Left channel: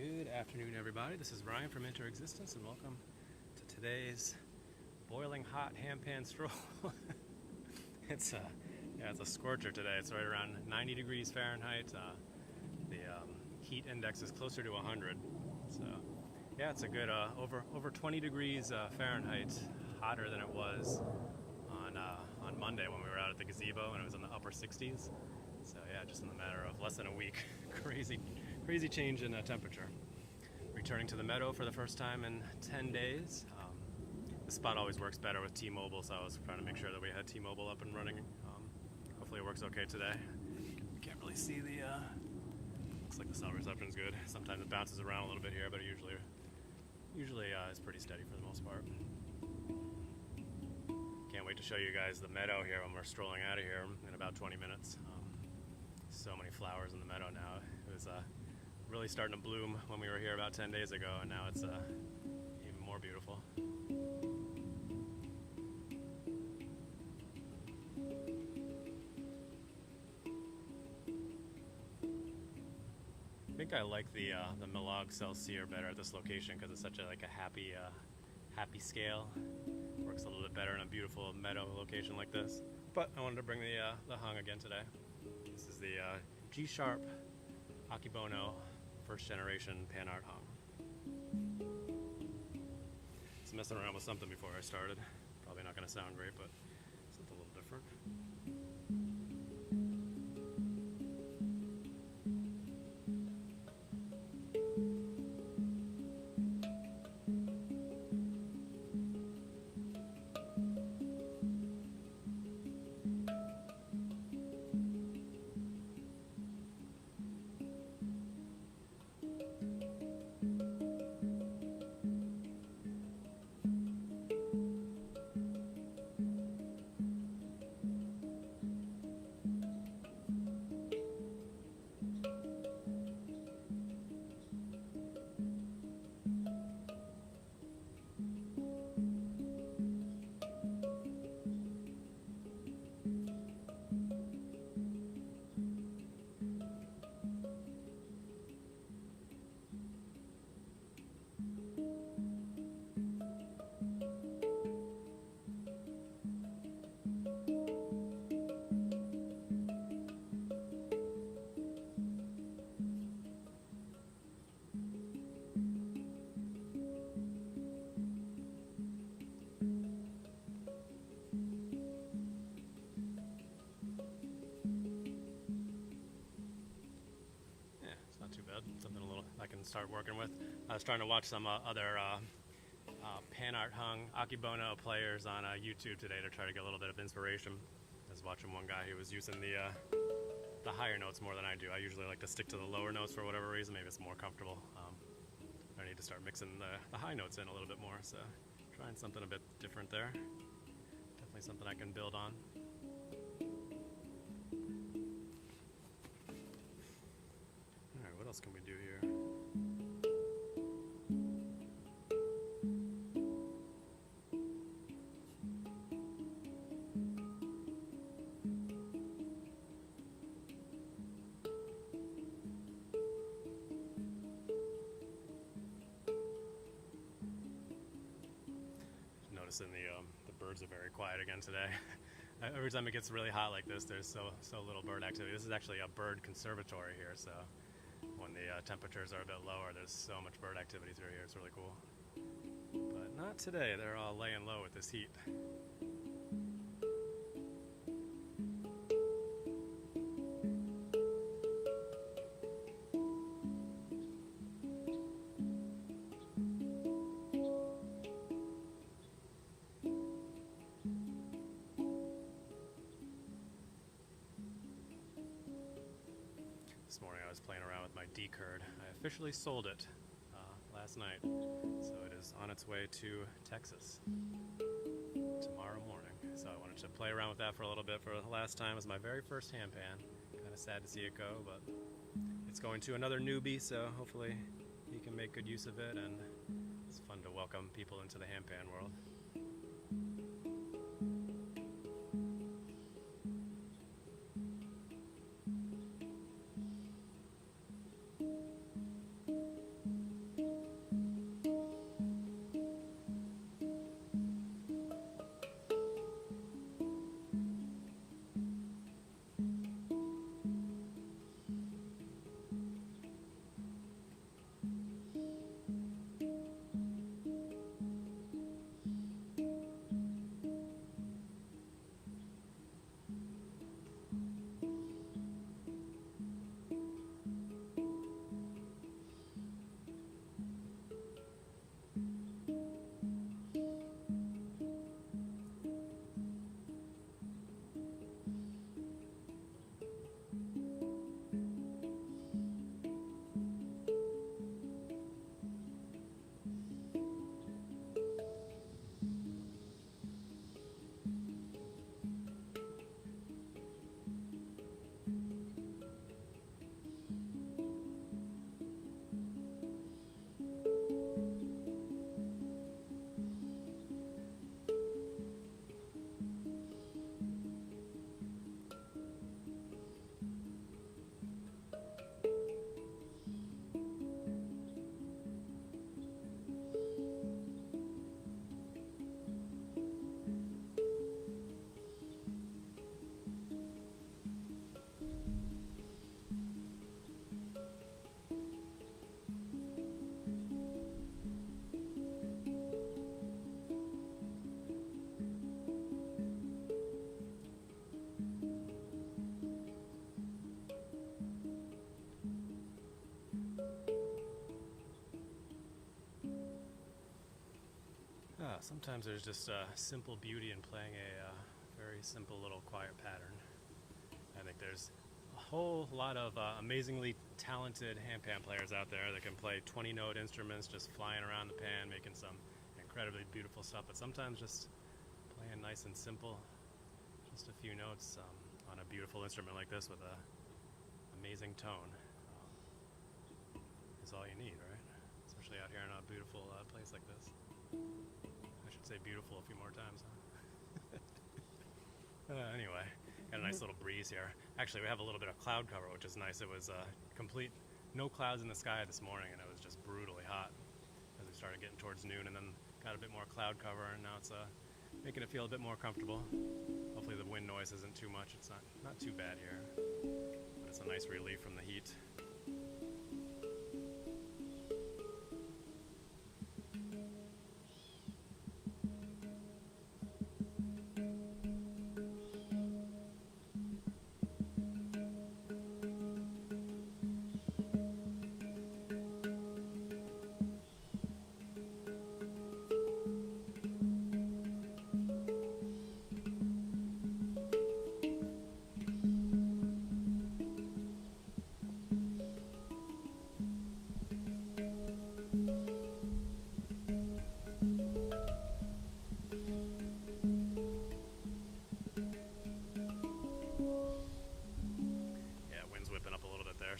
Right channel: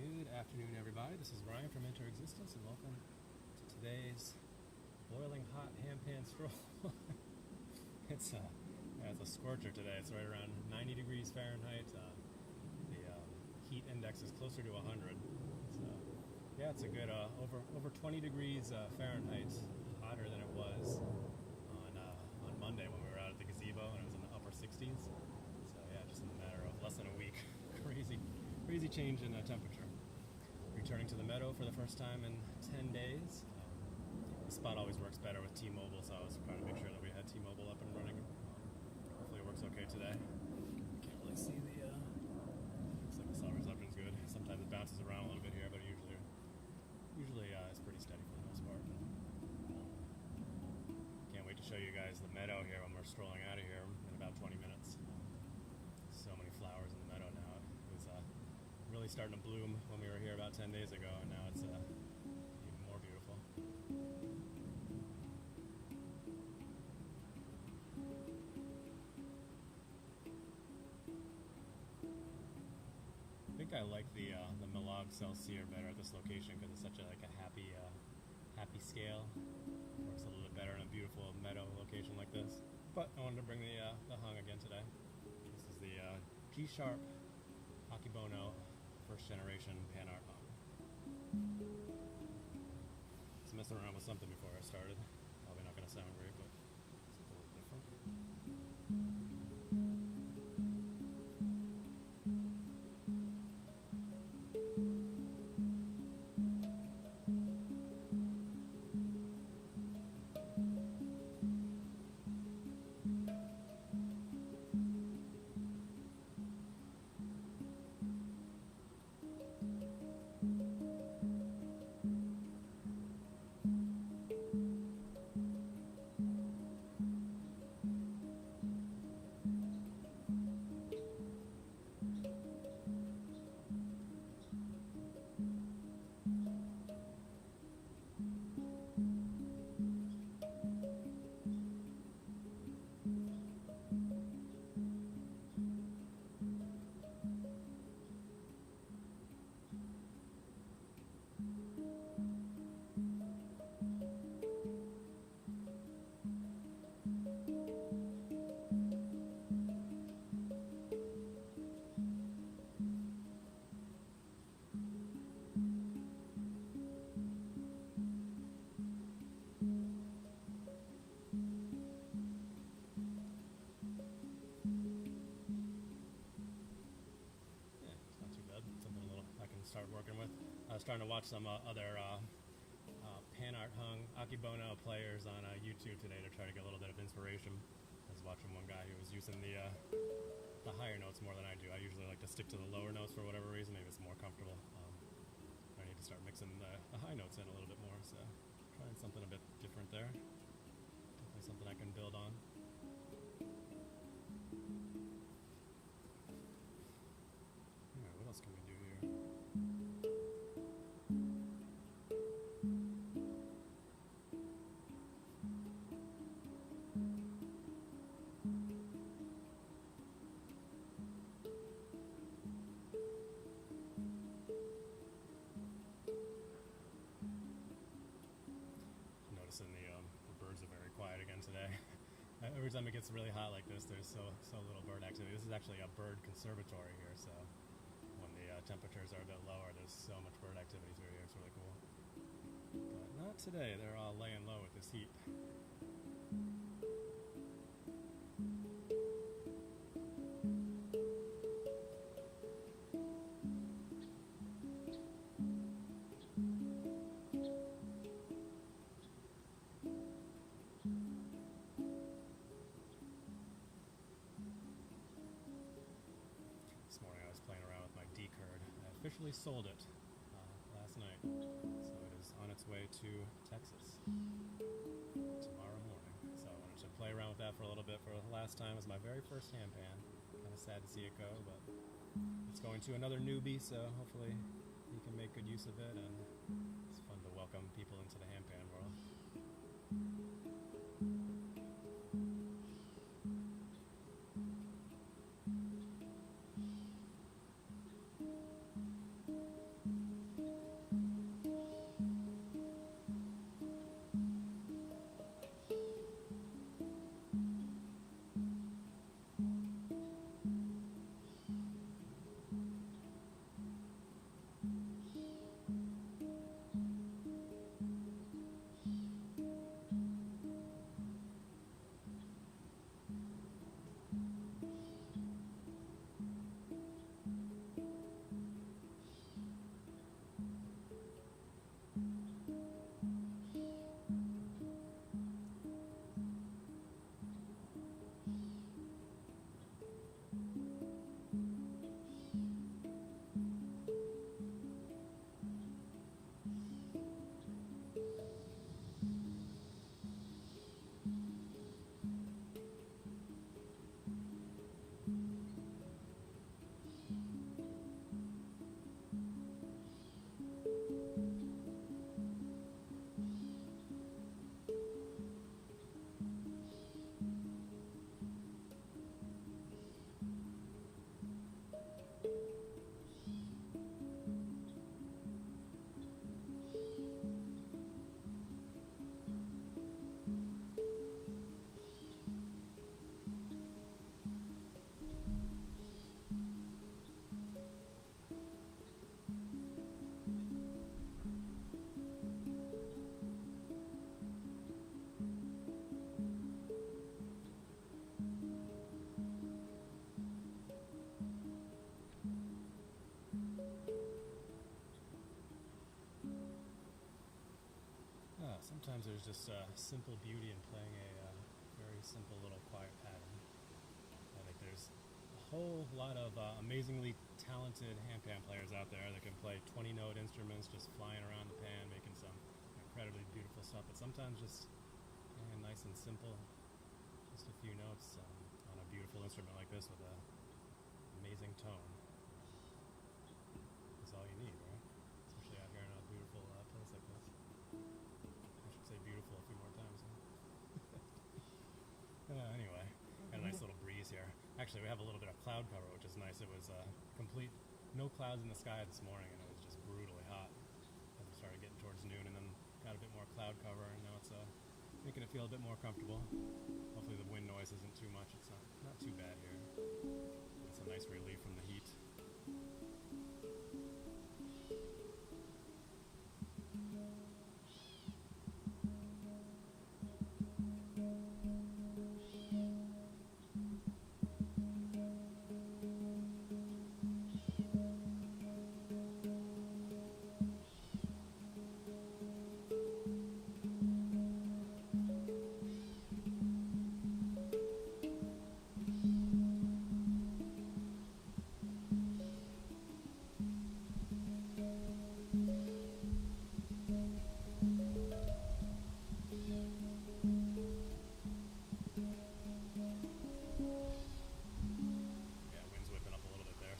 Good afternoon, everybody. This is Ryan from Enter Existence, and welcome to today's boiling hot handpan stroll. It's a scorcher today. It's right around 90 degrees Fahrenheit. The heat index is closer to 100. So, yeah, it's a good over 20 degrees Fahrenheit, hotter than it was on Monday when we were out at the gazebo, and it was in the upper 60s. So yeah, just in the matter of less than a week, crazy change in temperature. Returning to the meadow for the first time in 10 days. The spot always works better with T-Mobile, so I was trying to make sure that we had T-Mobile up and running. Hopefully it works okay today. Can't really see the, looks like the cell reception's good. Sometimes it bounces around a little bit here, but usually it's pretty steady for the most part. Can't wait to show you guys the meadow here when we're strolling out of here in about 20 minutes. So many flowers in the meadow now. It was really starting to bloom when we were here about 10 days ago, and now it's even more beautiful. I think I like the Milog Celsior better at this location because it's such a happy scale. Works a little bit better in a beautiful meadow location like this. But I wanted to bring the hung again today. This is the G-Sharp Akebono first generation pan art hung. I was messing around with something before I started. Probably not going to sound great, but something a little different. Something a little I can start working with. I was trying to watch some other pan art hung Akebono players on YouTube today to try to get a little bit of inspiration. I was watching one guy who was using the higher notes more than I do. I usually like to stick to the lower notes for whatever reason. Maybe it's more comfortable. I need to start mixing the high notes in a little bit more. So trying something a bit different there. Definitely something I can build on. Alright, what else can we do here? Noticing the birds are very quiet again today. Every time it gets really hot like this, there's so little bird activity. This is actually a bird conservatory here, so when the temperatures are a bit lower, there's so much bird activity through here. It's really cool. But not today. They're all laying low with this heat. This morning I was playing around with my D-curd. I officially sold it last night, so it is on its way to Texas tomorrow morning. So I wanted to play around with that for a little bit for the last time. It was my very first handpan. Kind of sad to see it go, but it's going to another newbie, so hopefully he can make good use of it, and it's fun to welcome people into the handpan world. Sometimes there's just simple beauty in playing a very simple little quiet pattern. I think there's a whole lot of amazingly talented handpan players out there that can play 20-note instruments just flying around the pan, making some incredibly beautiful stuff, but sometimes just playing nice and simple, just a few notes on a beautiful instrument like this with a amazing tone is all you need, right? Especially out here in a beautiful place like this. I should say beautiful a few more times, huh? Anyway, got a nice little breeze here. Actually, we have a little bit of cloud cover, which is nice. It was complete, no clouds in the sky this morning, and it was just brutally hot as we started getting towards noon, and then got a bit more cloud cover, and now it's making it feel a bit more comfortable. Hopefully the wind noise isn't too much. It's not too bad here, but it's a nice relief from the heat.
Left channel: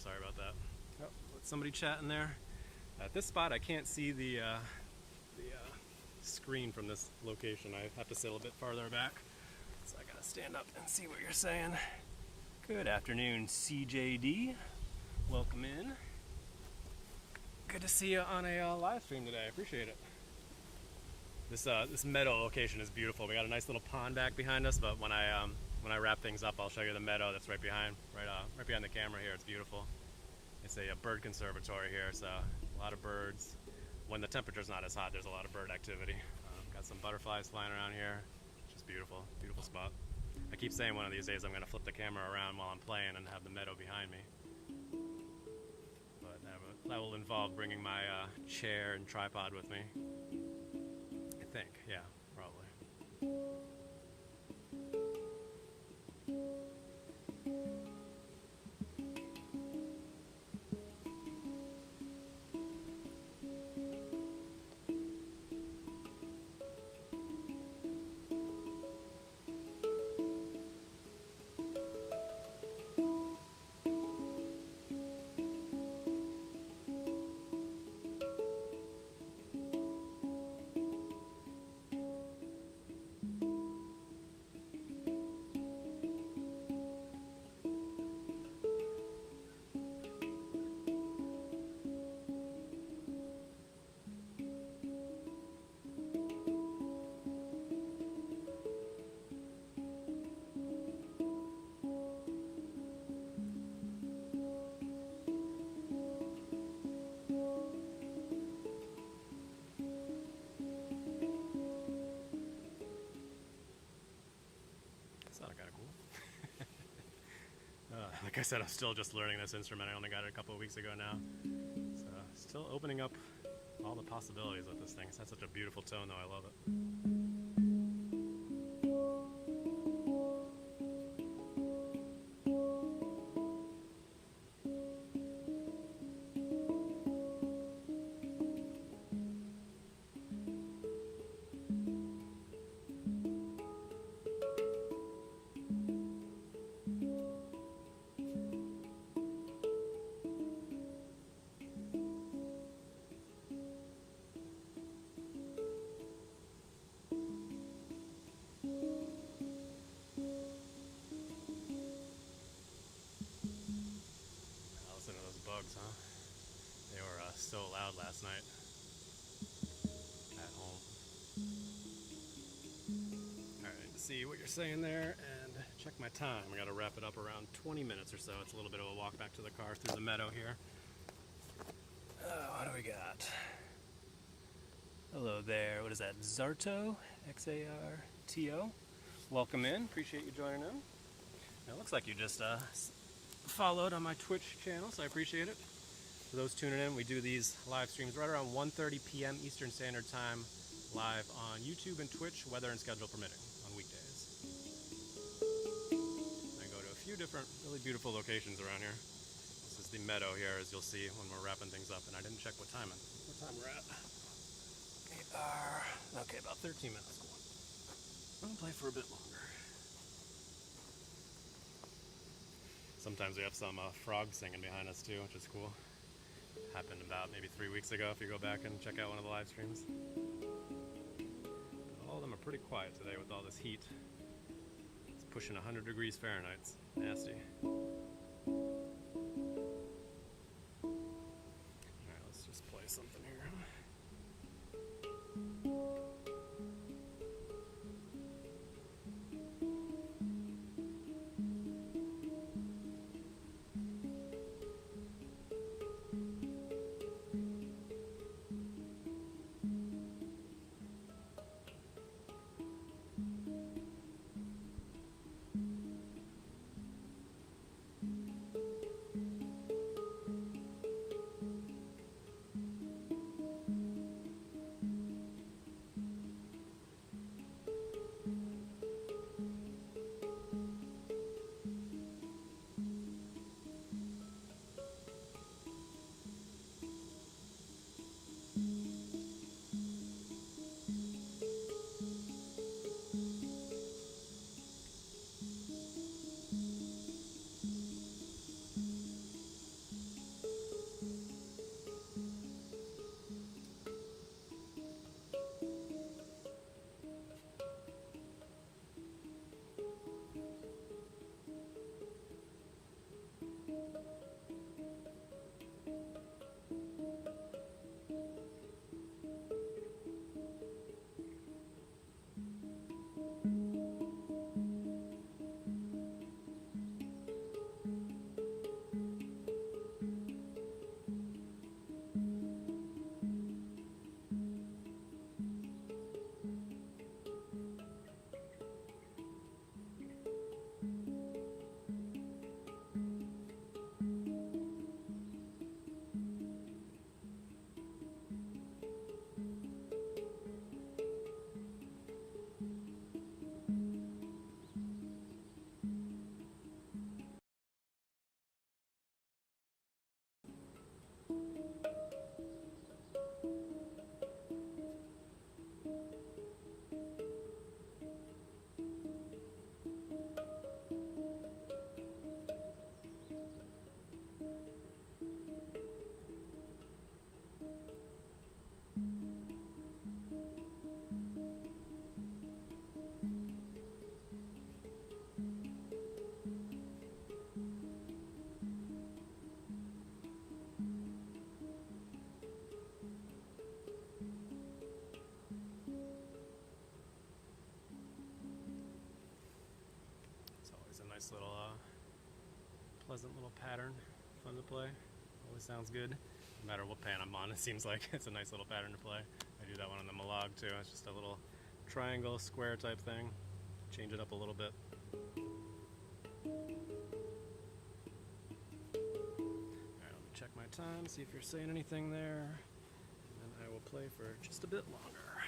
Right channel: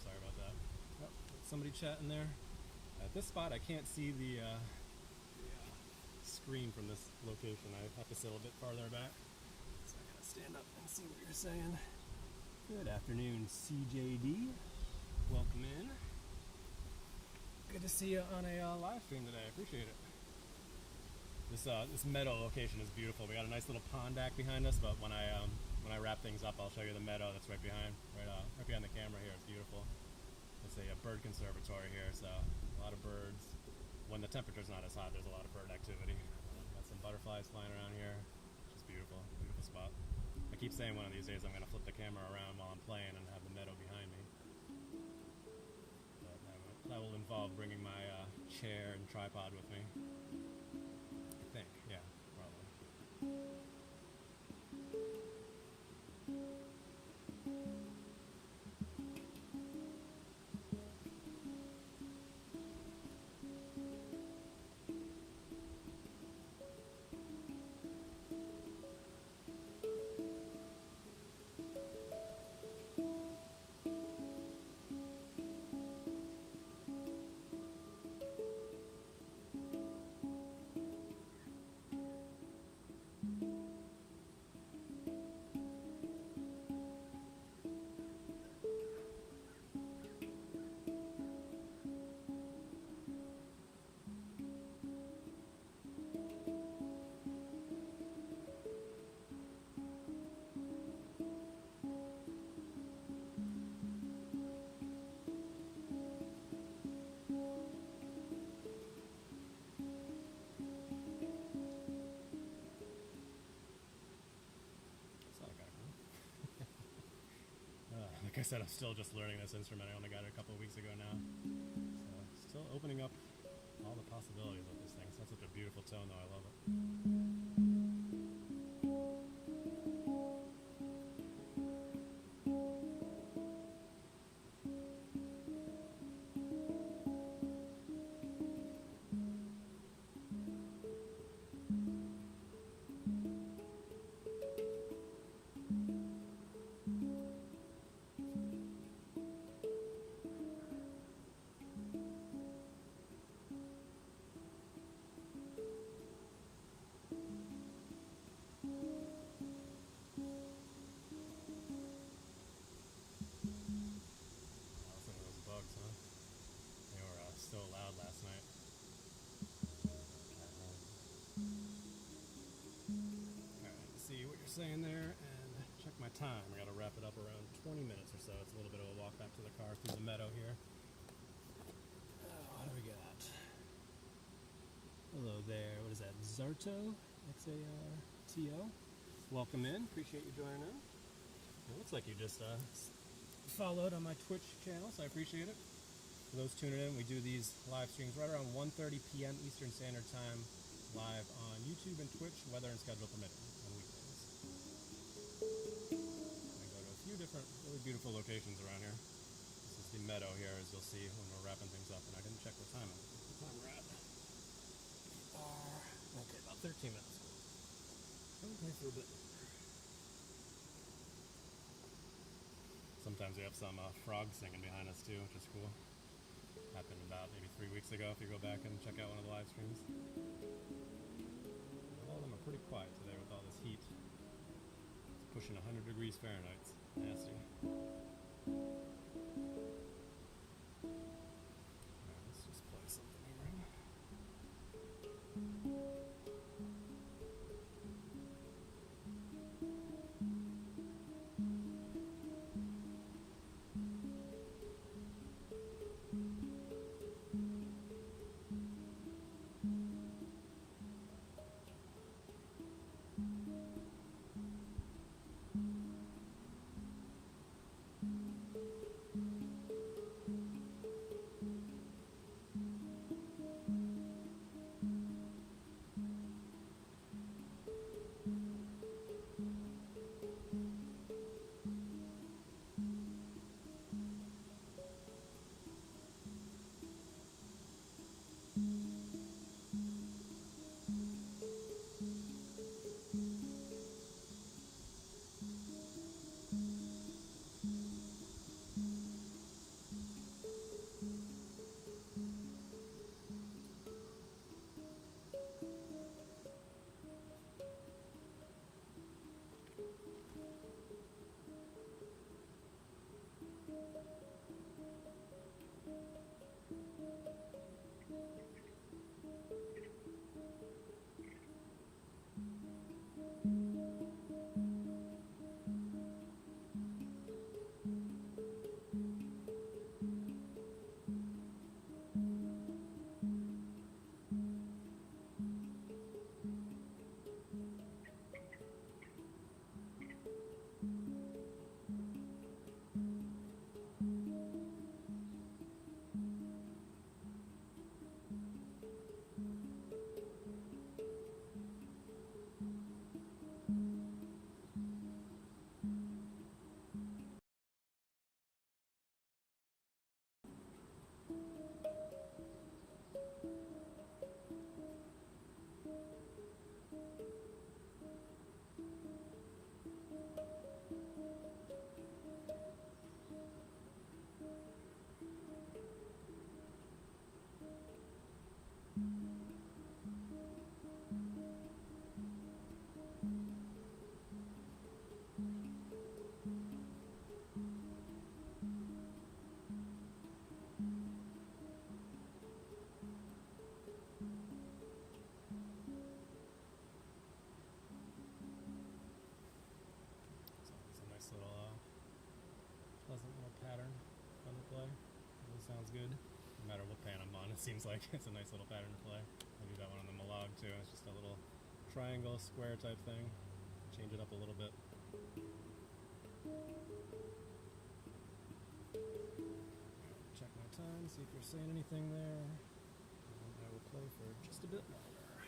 Sorry about that. Oh, somebody chatting there. At this spot, I can't see the screen from this location. I have to sit a little bit farther back, so I gotta stand up and see what you're saying. Good afternoon, CJD. Welcome in. Good to see you on a live stream today. I appreciate it. This meadow location is beautiful. We got a nice little pond back behind us, but when I wrap things up, I'll show you the meadow that's right behind the camera here. It's beautiful. It's a bird conservatory here, so a lot of birds. When the temperature's not as hot, there's a lot of bird activity. Got some butterflies flying around here. It's just beautiful, beautiful spot. I keep saying one of these days I'm going to flip the camera around while I'm playing and have the meadow behind me. But that will involve bringing my chair and tripod with me. I think, yeah, probably. Like I said, I'm still just learning this instrument. I only got it a couple of weeks ago now. So still opening up all the possibilities with this thing. It's had such a beautiful tone though, I love it. Huh? They were so loud last night at home. Alright, see what you're saying there and check my time. I gotta wrap it up around 20 minutes or so. It's a little bit of a walk back to the car through the meadow here. What do we got? Hello there. What is that? Zarto? X-A-R-T-O? Welcome in. Appreciate you joining in. Now, it looks like you just followed on my Twitch channel, so I appreciate it. For those tuning in, we do these live streams right around 1:30 p.m. Eastern Standard Time, live on YouTube and Twitch, weather and schedule permitting, on weekdays. I go to a few different really beautiful locations around here. This is the meadow here, as you'll see when we're wrapping things up, and I didn't check what time we're at. We are, okay, about 13 minutes. Cool. I'm gonna play for a bit longer. Sometimes we have some frogs singing behind us too, which is cool. Happened about maybe 3 weeks ago if you go back and check out one of the live streams. All of them are pretty quiet today with all this heat. It's pushing 100 degrees Fahrenheit. It's nasty. Alright, let's just play something here. Nice little pleasant little pattern, fun to play. Always sounds good. No matter what pan I'm on, it seems like it's a nice little pattern to play. I do that one on the Malog too. It's just a little triangle, square type thing. Change it up a little bit. Alright, let me check my time, see if you're saying anything there. And I will play for just a bit longer.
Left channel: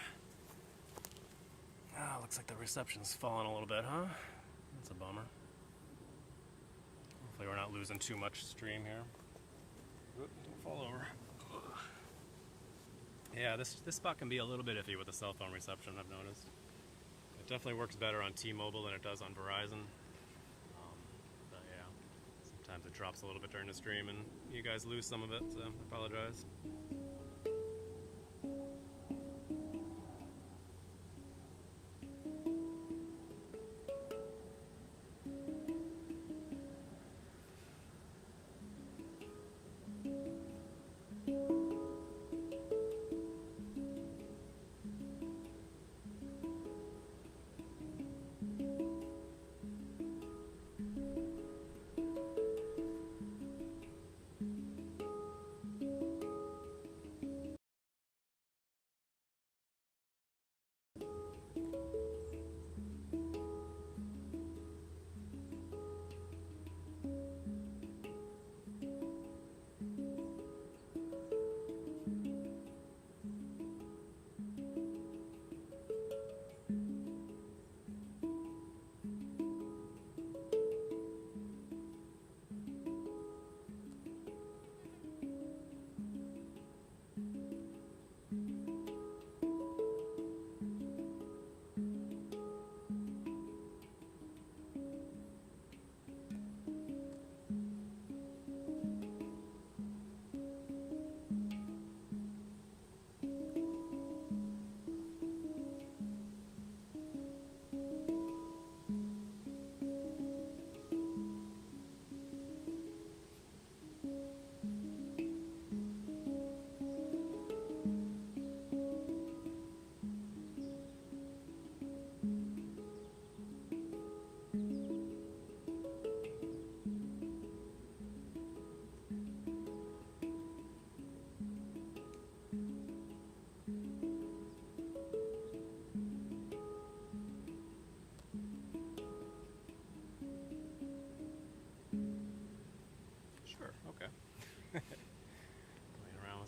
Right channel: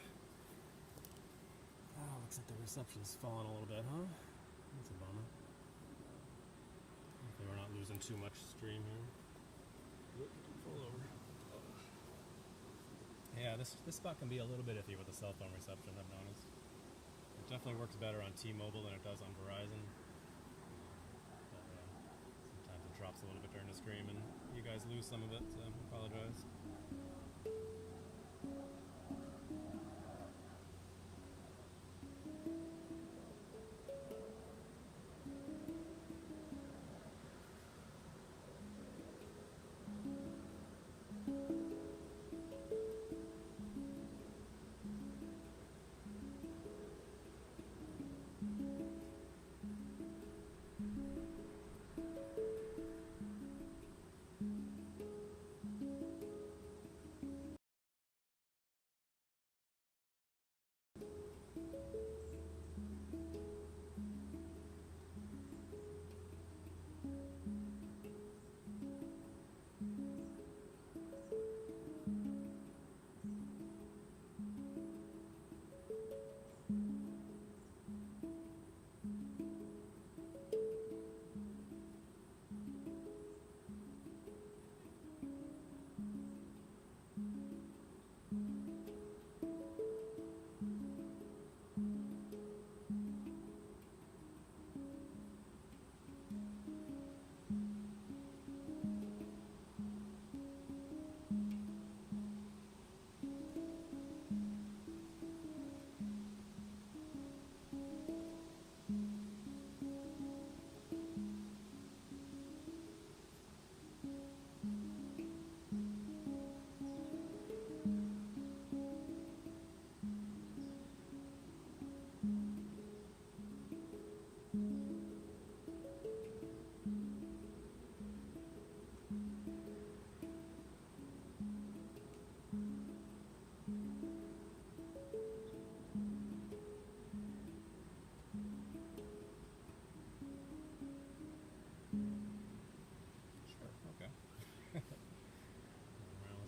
Ah, looks like the reception's falling a little bit, huh? That's a bummer. Hopefully we're not losing too much stream here. Oop, don't fall over. Yeah, this spot can be a little bit iffy with the cell phone reception, I've noticed. It definitely works better on T-Mobile than it does on Verizon. But yeah, sometimes it drops a little bit during the stream and you guys lose some of it, so I apologize.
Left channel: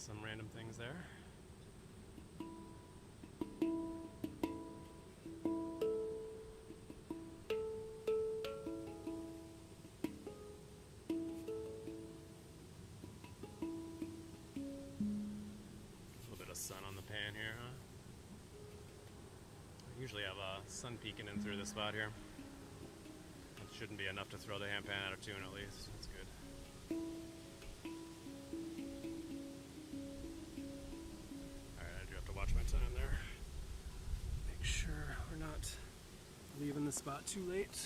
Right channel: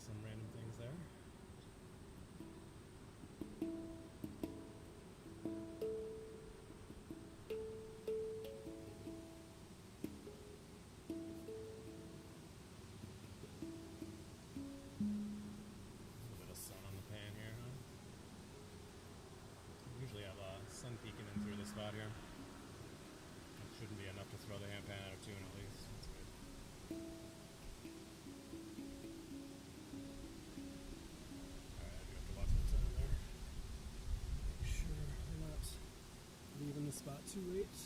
some random things there. A little bit of sun on the pan here, huh? I usually have sun peeking in through this spot here. It shouldn't be enough to throw the handpan out of tune at least. That's good. Alright, I do have to watch my time there. Make sure we're not leaving the spot too late.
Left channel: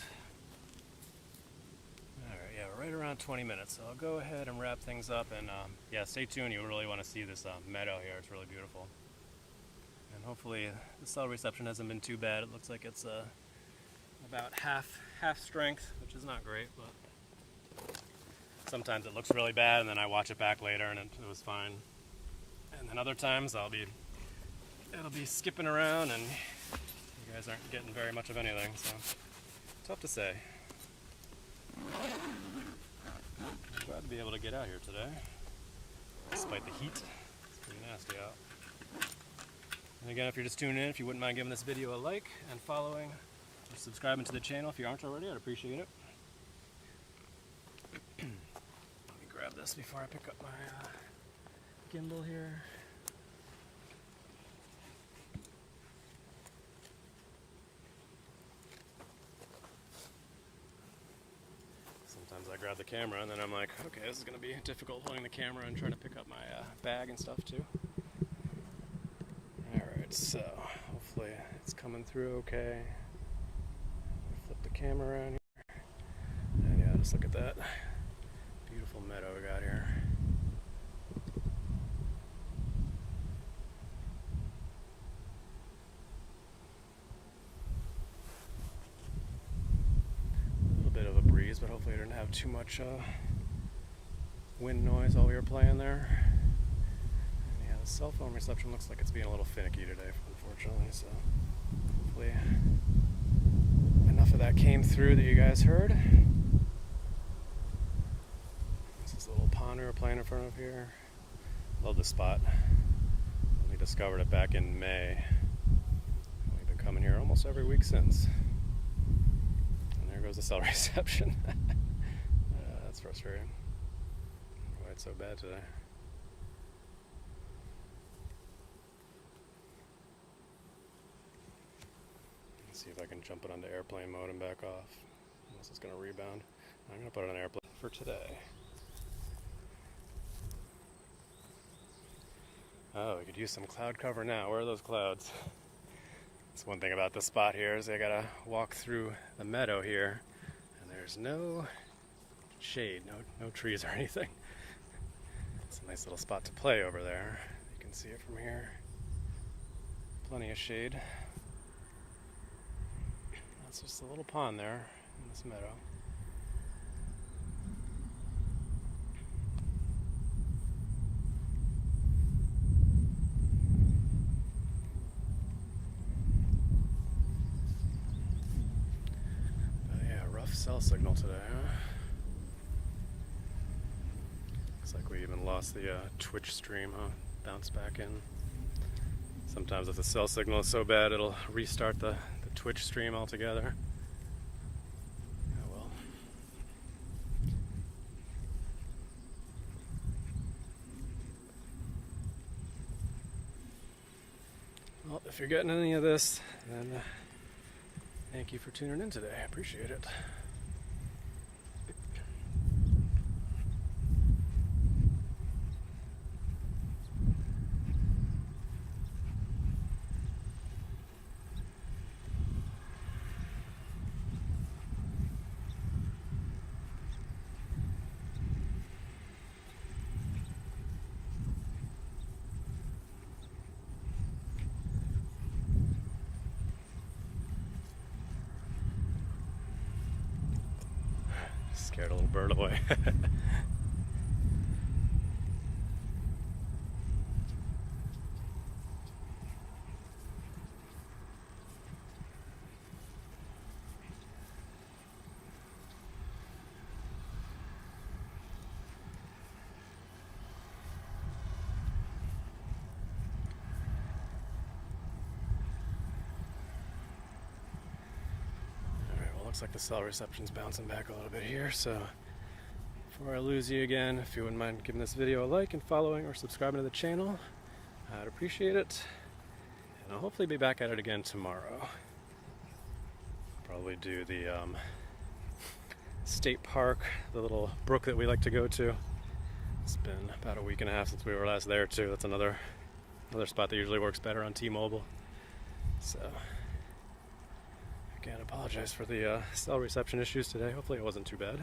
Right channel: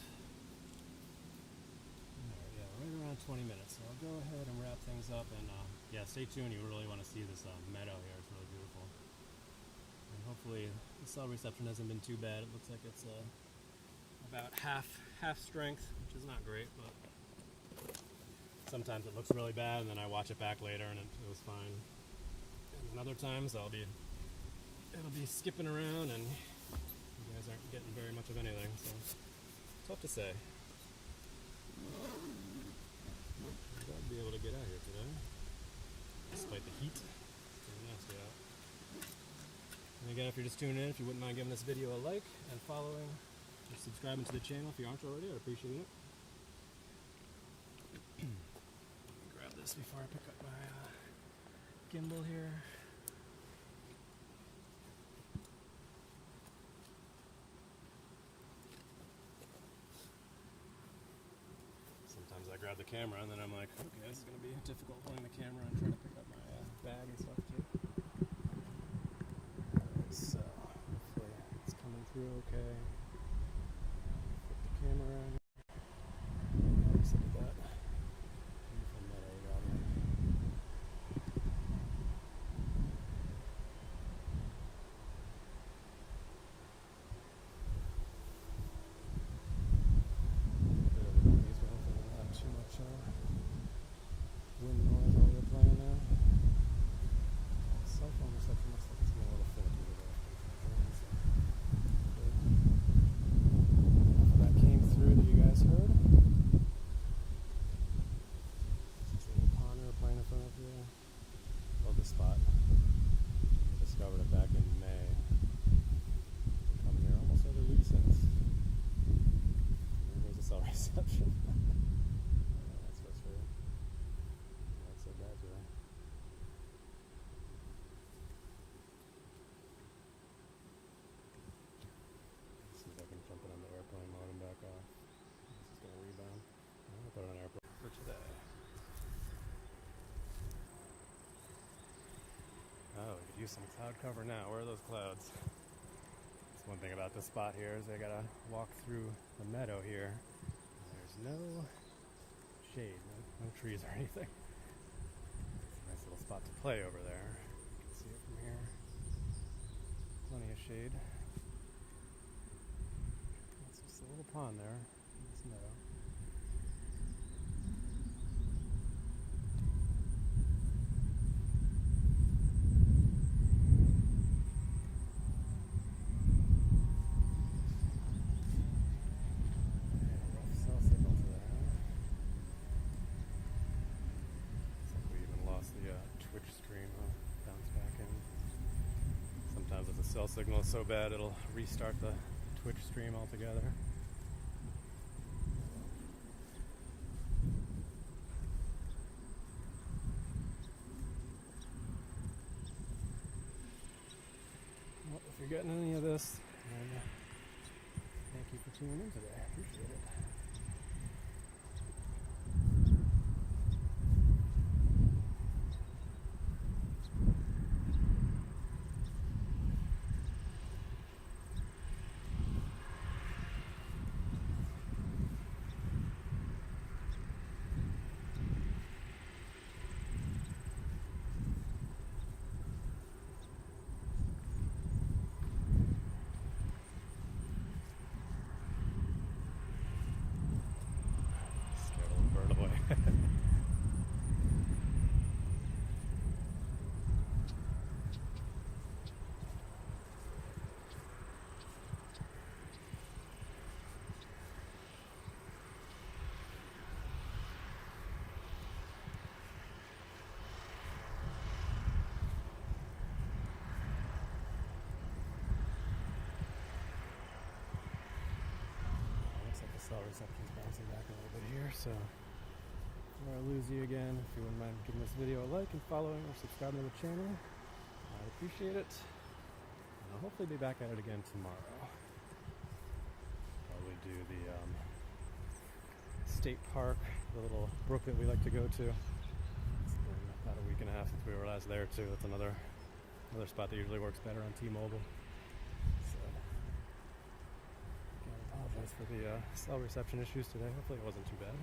Alright, yeah, we're right around 20 minutes, so I'll go ahead and wrap things up. And yeah, stay tuned. You really want to see this meadow here. It's really beautiful. And hopefully the cell reception hasn't been too bad. It looks like it's about half strength, which is not great, but sometimes it looks really bad and then I watch it back later and it was fine. And then other times it'll be skipping around and you guys aren't getting very much of anything, so tough to say. I'm glad to be able to get out here today, despite the heat. It's pretty nasty out. And again, if you're just tuning in, if you wouldn't mind giving this video a like and following or subscribing to the channel if you aren't already, I'd appreciate it. Let me grab this before I pick up my gimbal here. Sometimes I grab the camera and then I'm like, okay, this is going to be difficult holding the camera and trying to pick up my bag and stuff too. Alright, so hopefully it's coming through okay. Flip the camera around here. And yeah, just look at that beautiful meadow we got here. A little bit of a breeze, but hopefully I didn't have too much wind noise while we were playing there. Cell phone reception looks like it's being a little finicky today, unfortunately, so hopefully enough of that came through that you guys heard. This is a little pond we were playing in front of here. Love this spot. We discovered it back in May. We've been coming here almost every week since. And there goes the cell reception. That's frustrating. Why it's so bad today. See if I can jump it onto airplane mode and back off. This is going to rebound. I'm going to put it on airplane for today. Oh, we could use some cloud cover now. Where are those clouds? That's one thing about this spot here is I got to walk through the meadow here, and there's no shade, no trees or anything. It's a nice little spot to play over there. You can see it from here. Plenty of shade. It's just a little pond there in this meadow. Yeah, rough cell signal today, huh? Looks like we even lost the Twitch stream, huh? Bounce back in. Sometimes if the cell signal is so bad, it'll restart the Twitch stream altogether. Oh well, if you're getting any of this, then thank you for tuning in today. I appreciate it. Scared a little bird away. looks like the cell reception's bouncing back a little bit here, so before I lose you again, if you wouldn't mind giving this video a like and following or subscribing to the channel, I'd appreciate it. And I'll hopefully be back at it again tomorrow. Probably do the state park, the little brook that we like to go to. It's been about a week and a half since we were last there too. That's another spot that usually works better on T-Mobile. So again, apologize for the cell reception issues today. Hopefully it wasn't too bad.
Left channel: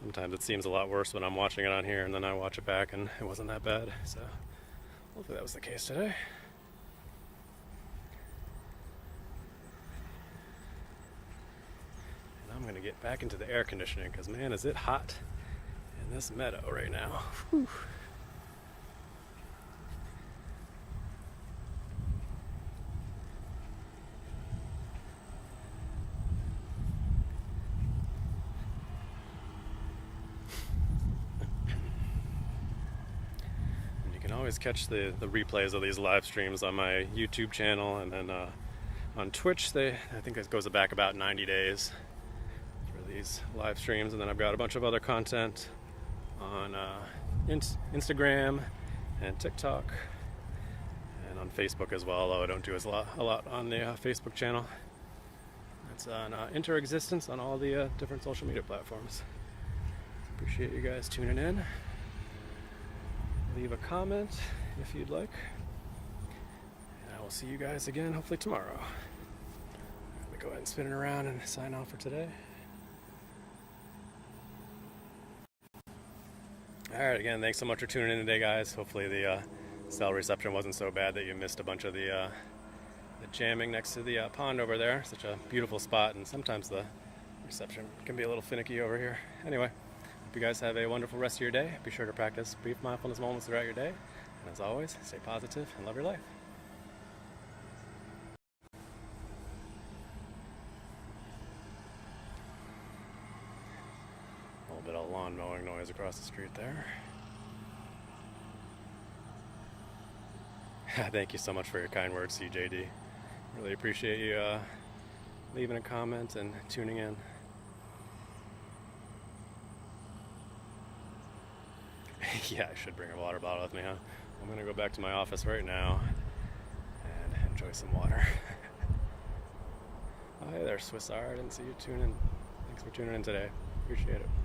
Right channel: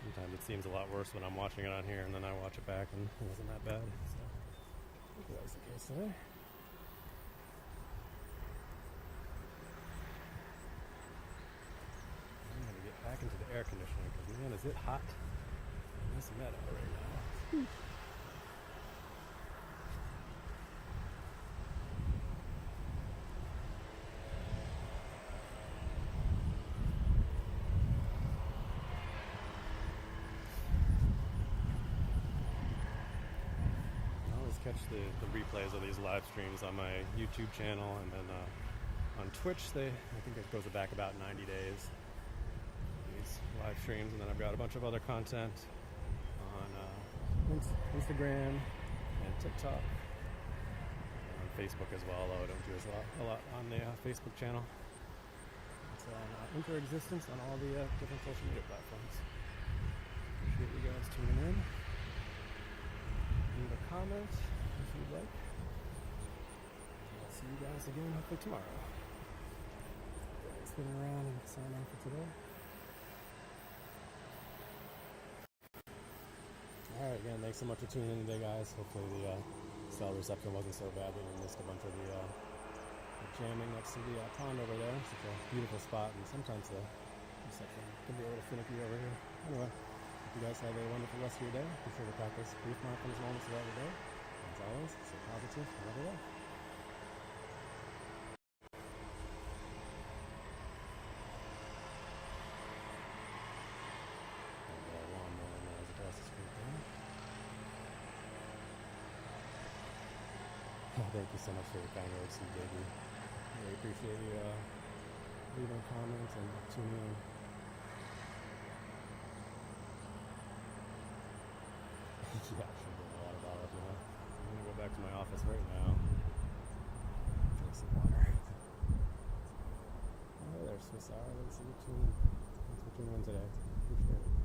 Sometimes it seems a lot worse when I'm watching it on here and then I watch it back and it wasn't that bad. So hopefully that was the case today. I'm going to get back into the air conditioning because, man, is it hot in this meadow right now. Whew. Always catch the replays of these live streams on my YouTube channel, and then on Twitch I think it goes back about 90 days for these live streams, and then I've got a bunch of other content on Instagram and TikTok and on Facebook as well, although I don't do a lot on the Facebook channel. It's on Interexistence on all the different social media platforms. Appreciate you guys tuning in. Leave a comment if you'd like. And I will see you guys again hopefully tomorrow. Let me go ahead and spin it around and sign off for today. Alright, again, thanks so much for tuning in today, guys. Hopefully the cell reception wasn't so bad that you missed a bunch of the jamming next to the pond over there. Such a beautiful spot, and sometimes the reception can be a little finicky over here. Anyway, hope you guys have a wonderful rest of your day. Be sure to practice brief mindfulness moments throughout your day. And as always, stay positive and love your life. A little bit of lawn mowing noise across the street there. Thank you so much for your kind words, CJD. Really appreciate you leaving a comment and tuning in. Yeah, I should bring a water bottle with me, huh? I'm gonna go back to my office right now and enjoy some water. Oh, hey there, Swiss R. I didn't see you tune in. Thanks for tuning in today. Appreciate it.